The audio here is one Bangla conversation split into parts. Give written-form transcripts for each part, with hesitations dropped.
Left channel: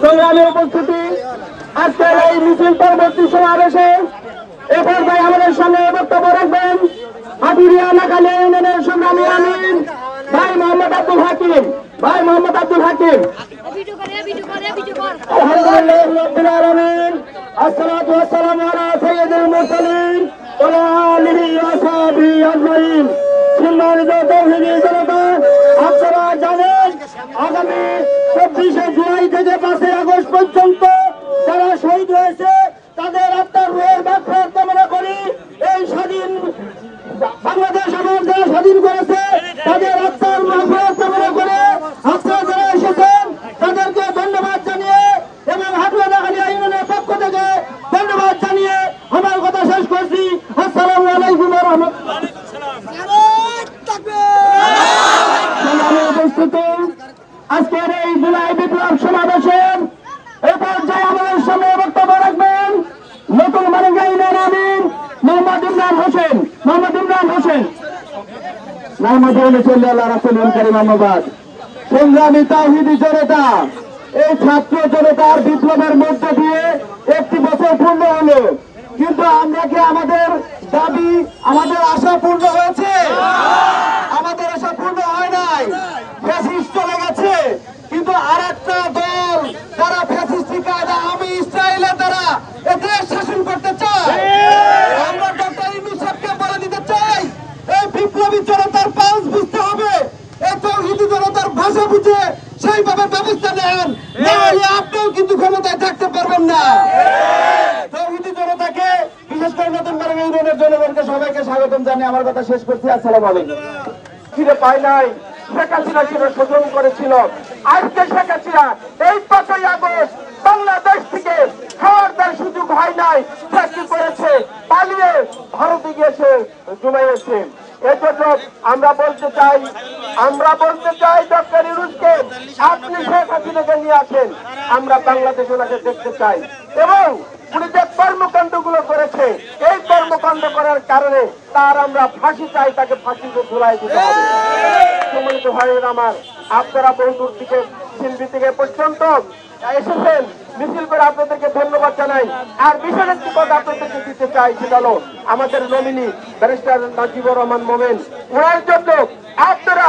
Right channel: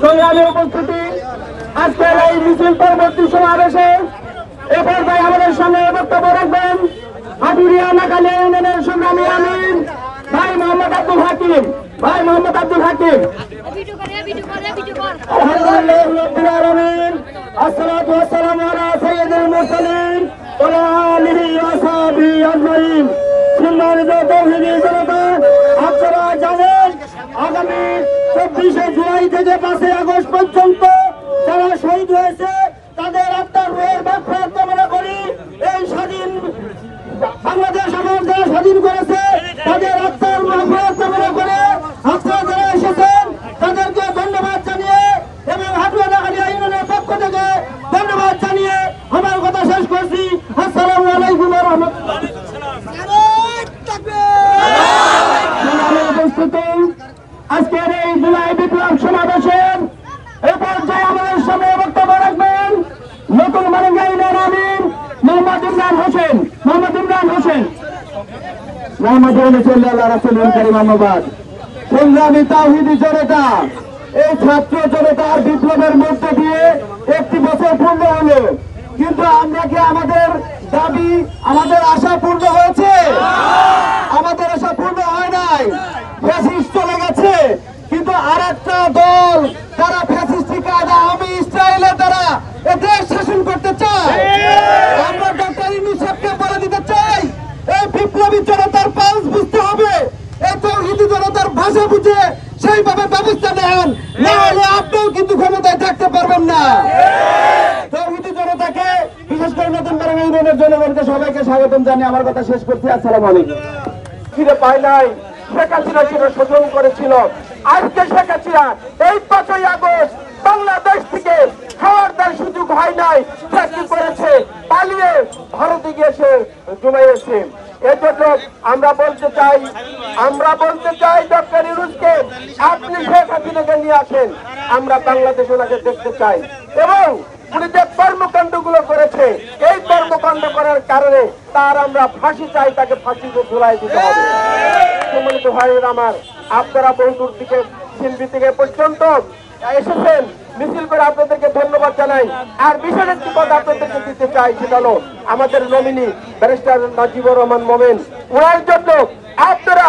সংগ্রামী উপস্থিতি আজকের এই মিছিল পরবর্তী সমাবেশে এ পর্যায়ে আমাদের সামনে বক্তব্য রাখবেন হাটুরিয়া নাকালিয়া والصلاة والسلام على سيد المرسلين وعلى آله وصحبه أجمعين। সম্মানিত তৌহিদি জনতা, আপনারা জানেন আগামী 24শে জুলাই থেকে 5ই আগস্ট পর্যন্ত যারা শহীদ হয়েছে তাদের আত্মার রুহের মাগফিরাত কামনা করি। এই স্বাধীন বাংলাদেশ আমার যারা স্বাধীন করেছে তাদের আত্মার মাগফিরাত কামনা করে আপনারা যারা এসেছেন তাদেরকে ধন্যবাদ জানিয়ে এবং হাটুয়াডাঙ্গা ইউনিয়নের পক্ষ থেকে ধন্যবাদ জানিয়ে আমার কথা শেষ করছি। আসসালামু আলাইকুম ওয়া রাহমাতুল্লাহ। আজকের এই জুলাই বিপ্লব সমাবেশের এ পর্যায়ে আমাদের সামনে বক্তব্য রাখবেন নতুন মালিঙ্গা ইউনিয়নের আমির মোহাম্মদ ইমরান হোসেন। সংগ্রামী তাওহীদি জনতা, এই ছাত্র জনতার বিপ্লবের মধ্য দিয়ে একটি বছর পূর্ণ হলো, কিন্তু আমরা কি আমাদের দাবি আমাদের আশা পূর্ণ হয়েছে? আমাদের আশা পূর্ণ হয় নাই। ফ্যাসিস্ট চলে গেছে, কিন্তু আর একটা দল তারা ফ্যাসিস্টিক আওয়ামী ইসরায়েলের দ্বারা এ দেশ শাসন করতে চায়। আমরা ডক্টর ইউনূস সাহেবকে বলে দিতে চাই, এই বিপ্লবী জনতার পালস বুঝতে হবে, এই তাওহীদি জনতার ভাষা বুঝে সেইভাবে ব্যবস্থা নেন, নাহলে আপনিও কিন্তু ক্ষমতায় থাকতে পারবেন না। তাওহীদি জনতাকে, বিশেষ করে নতুন মালিঙ্গা ইউনিয়নের জনগণকে সবাইকে স্বাগতম জানিয়ে আমার কথা শেষ করছি। আসসালামু আলাইকুম। ফিরে পায় নাই, শেখ হাসিনা ছিল শোষণ করেছিল। আজকে শেখ হাসিনা এই 5ই আগস্ট বাংলাদেশ থেকে খাওয়ার তার সুযোগ হয় নাই, চাকরি করেছে, পালিয়ে ভারতে গিয়েছে, জুমাইয়েছে। এজন্য আমরা বলতে চাই ডক্টর ইউনূসকে, আপনি শেখ হাসিনাকে নিয়ে আসেন, আমরা বাংলাদেশ ওনাকে দেখতে চাই। এবং উনি যে কর্মকাণ্ড গুলো করেছে, এই কর্মকাণ্ড করার কারণে তার আমরা ফাঁসি চাই, তাকে ফাঁসিতে ঝুলাই দিতে হবে। সম্মানিত ভাইয়ের আমার, আপনারা বহুদূর থেকে শিল্পী থেকে পর্যন্ত এসেছেন, মিছিল করে আপনাদেরকে ধন্যবাদ জানাই। আর বিশেষ একটি কথা আপনাদেরকে দিতে চাই, সেটা হলো আমাদের নমিনি ব্যারিস্টার নাজিবুর রহমান মোমেন, ওনার জন্য আপনারা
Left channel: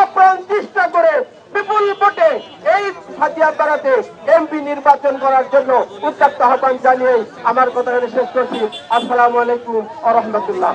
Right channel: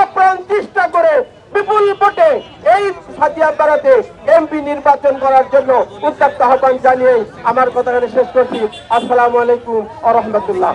আপ্রাণ চেষ্টা করে বিপুল ভোটে এই সাদিয়াপাড়াতে এমপি নির্বাচন করার জন্য উদ্যোক্ত আহ্বান জানিয়ে আমার কথা শেষ করছি। আসসালামু আলাইকুম ওয়া রাহমাতুল্লাহ।